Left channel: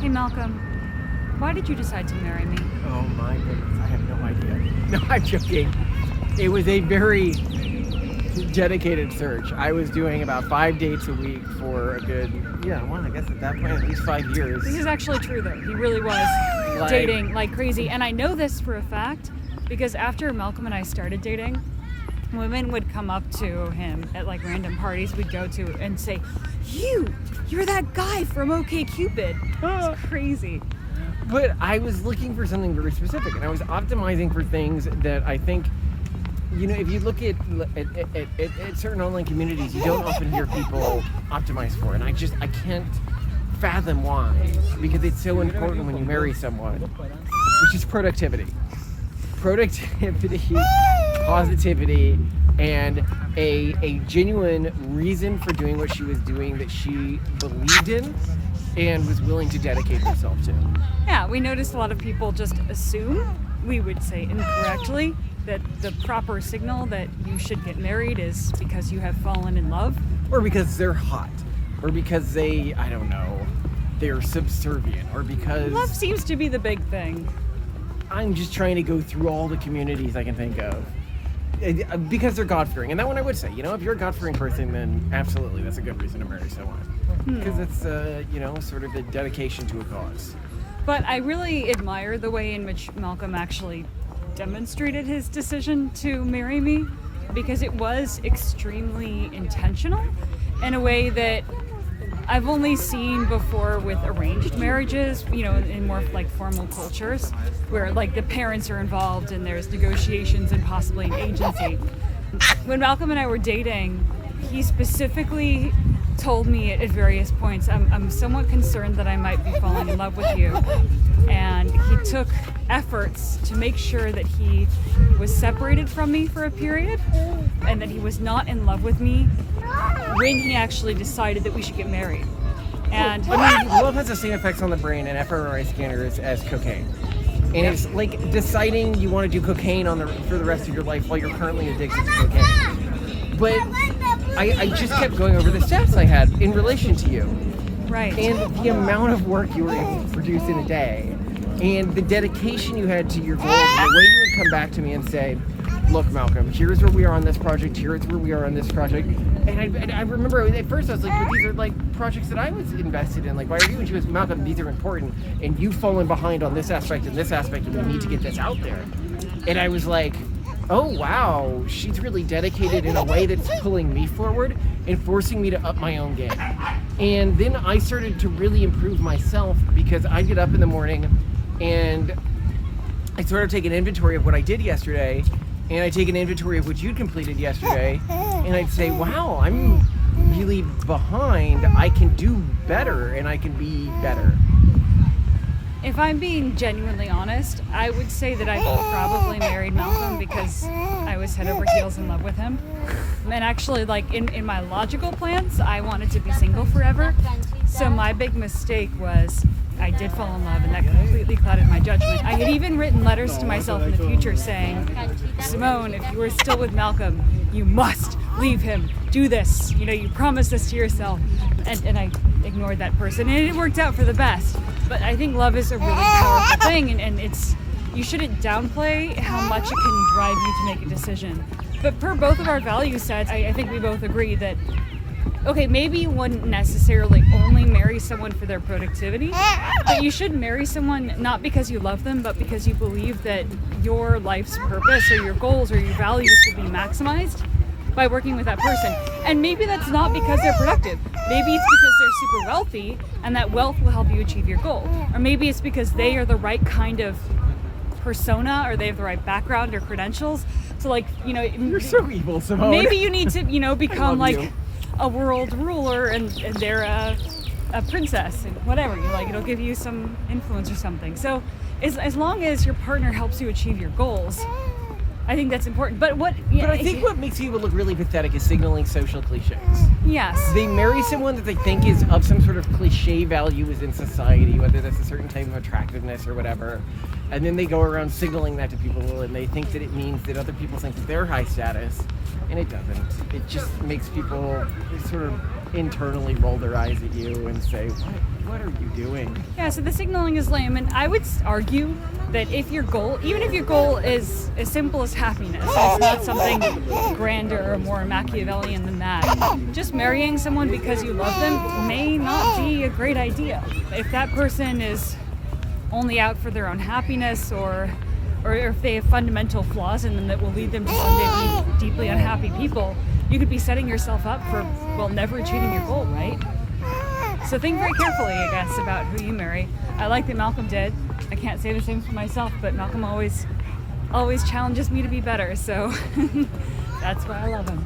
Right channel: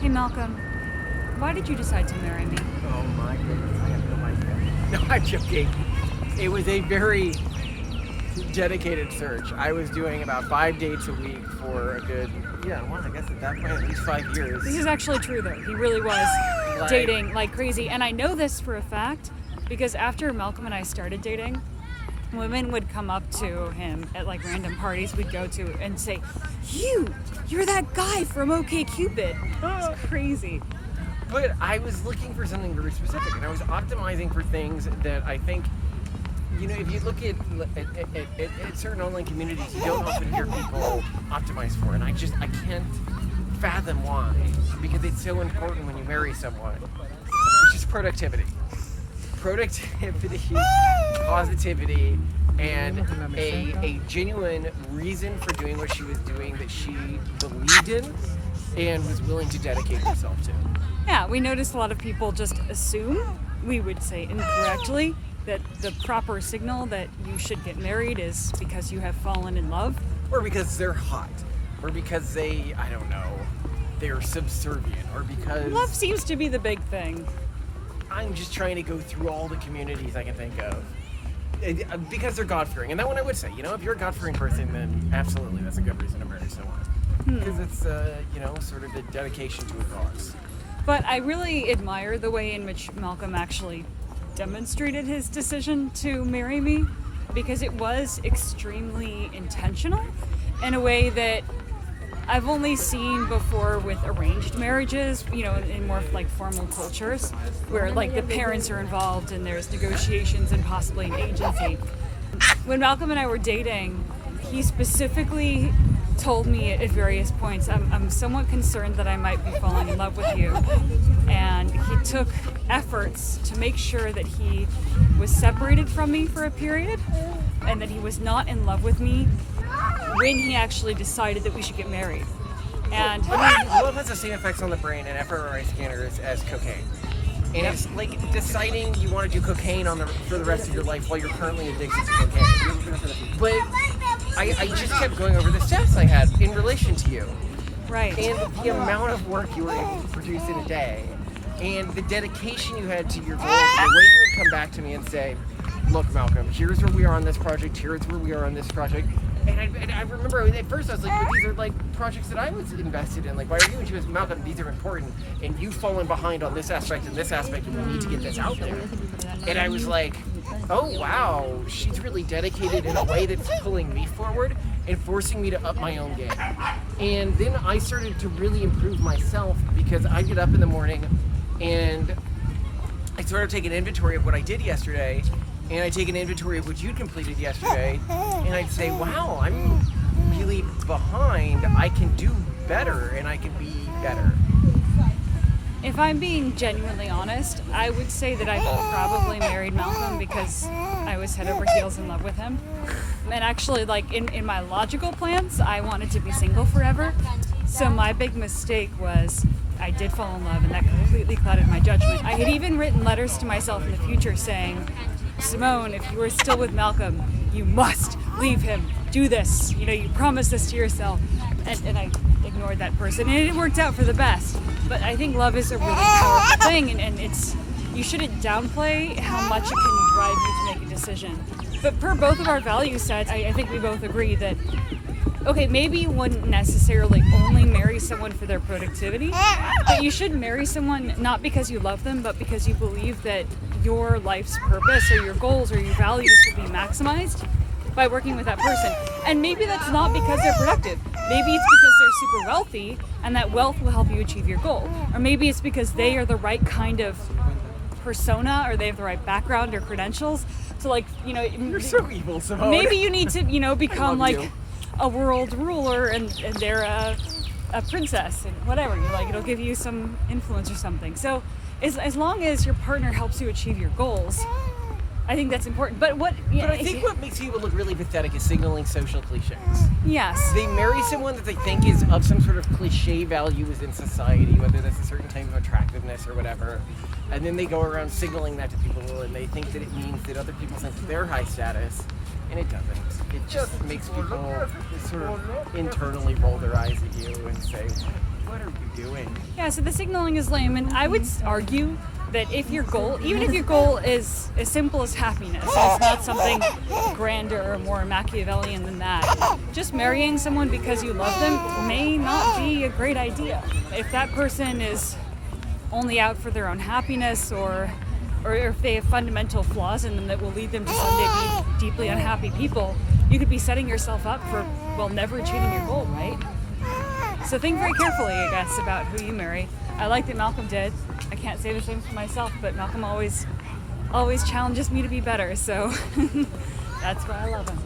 Hey Malcolm, why did you decide to marry me? Oh my goodness, I have no idea. No, I'm joking. It was a very dedicated search. I was doing about 5 dates a week for a good, I guess at that point, at least 5 years. This is actually true though. He really was dating like crazy. And I know this for a fact because after Malcolm and I started dating, women would come up to him at like random parties we'd go to and say, you're that guy from OkCupid. It's crazy. But I was looking for something very specific, and I was optimizing for things that I think, if you look at certain online communities, you don't often hear people optimize for, and I can't fathom why, because it's so important when you marry someone, which is productivity. Productivity, positivity, and a genuine reason for doing what she was doing that she believed in and was willing to dedicate herself to. Yeah, we noticed a lot of people just assume, we would say incorrectly, that the proper signal that you should get married is because you have fallen in love. Or because they're hot. Or because they're subservient. Or because... Love seems to be the big thing. I'm just trying to go through all the communities I can think of. Because they're God-fearing. And that one I would say, if you're a God-fearing person, then absolutely, that's a good reason to marry someone. Because it's, sort of a dedication to a cause. But I really admire the way in which Malcolm actually demonstrated his decision to marry me, because it was extremely intentional in a way that I've only seen before with arranged marriages, in more like formal cultures where like the parents are involved and there's negotiations and possibly an agency. When Malcolm and I were dating, he specifically told me at various points, I'm somewhat concerned that I might be falling in love with you. And he took efforts to make sure that he was separated from me for a period and that he was not in love with me when he actually decided that we should get married. And love has the same effects on the brain and fMRI scanners as cocaine. And it's like deciding you want to do cocaine for the rest of your life while you're currently addicted to cocaine. But I just kept going over the stats I had in relation to you. Right. And the amount of work you were able to produce in a day. And the dedication you had to your goals. And the way you would come back to me and say, look, Malcolm, here's where we are on this project. Here's where we are on this project. And I remember at first I was like, but these are like projects that I was invested in. Like, why are you? And she was, Malcolm, these are important. And you've fallen behind on this aspect and this aspect. And we need to get this out there. And I was like, oh wow, she's really dedicated in a way that's pulling me forward and forcing me to up my own game. And then I started to really improve myself because I get up in the morning and I sort of take an inventory of what I did yesterday, and I take an inventory of what you completed yesterday, and I'd say, wow, I'm really behind. I can do better and I can be better. if I'm being genuinely honest, I would say that I probably married Malcolm because I was head over heels in love with him. And actually, like, in my logical plans, I wanted to be single forever. So my big mistake was I did fall in love, and that completely clouded my judgment. I had even written letters to myself in the future saying, Simone, if you are still with Malcolm, you must leave him. Do this. You know, you promised this to yourself. And I ignored that person, and it worked out for the best. But I think love is a really powerful thing, and it's, you shouldn't downplay how much it can drive you to make a decision. But per both of our value sets, I think we both agree that, okay, maybe you wouldn't necessarily only marry someone for their productivity, but you should marry someone not because you love them, but because you believe that your life's purpose or your goals or your values will be maximized by working with that person. And maybe that's not because they're productive. Maybe it's because they're super wealthy and that wealth will help you achieve your goal. Or maybe it's because they are the right kind of persona, or they have the right background or credentials. So, like, you know, you're so evil, Simone. Maybe you need to, you know, become like you. A world ruler, and they're a princess and whatever. You like, it'll give you some influence or something. So as long as your partner helps you achieve your goals, I think that's important. But I think what makes people look really pathetic is signaling social cliches. Yes. They marry someone that they think is of some sort of cliche value within society, whether that's a certain type of attractiveness or whatever. And then they go around signaling that to people, and they think that it means that other people think that they're high status, and it doesn't. It just makes people sort of internally roll their eyes at you and say, what are you doing? Yeah, so the signaling is lame, and I would argue that if your goal, even if your goal is as simple as happiness, and it's not something grander or more Machiavellian than that, just marrying someone because you love them may not be a great idea. If that person is only out for their own happiness, or if they have fundamental flaws in them that will lead them to someday be deeply unhappy people, you could be setting yourself up for, well, never achieving your goal, right? So think very carefully, I guess, about who you marry. I like that Malcolm did. I can't say the same for myself, but Malcolm always challenges me to be better, so that's why I love him.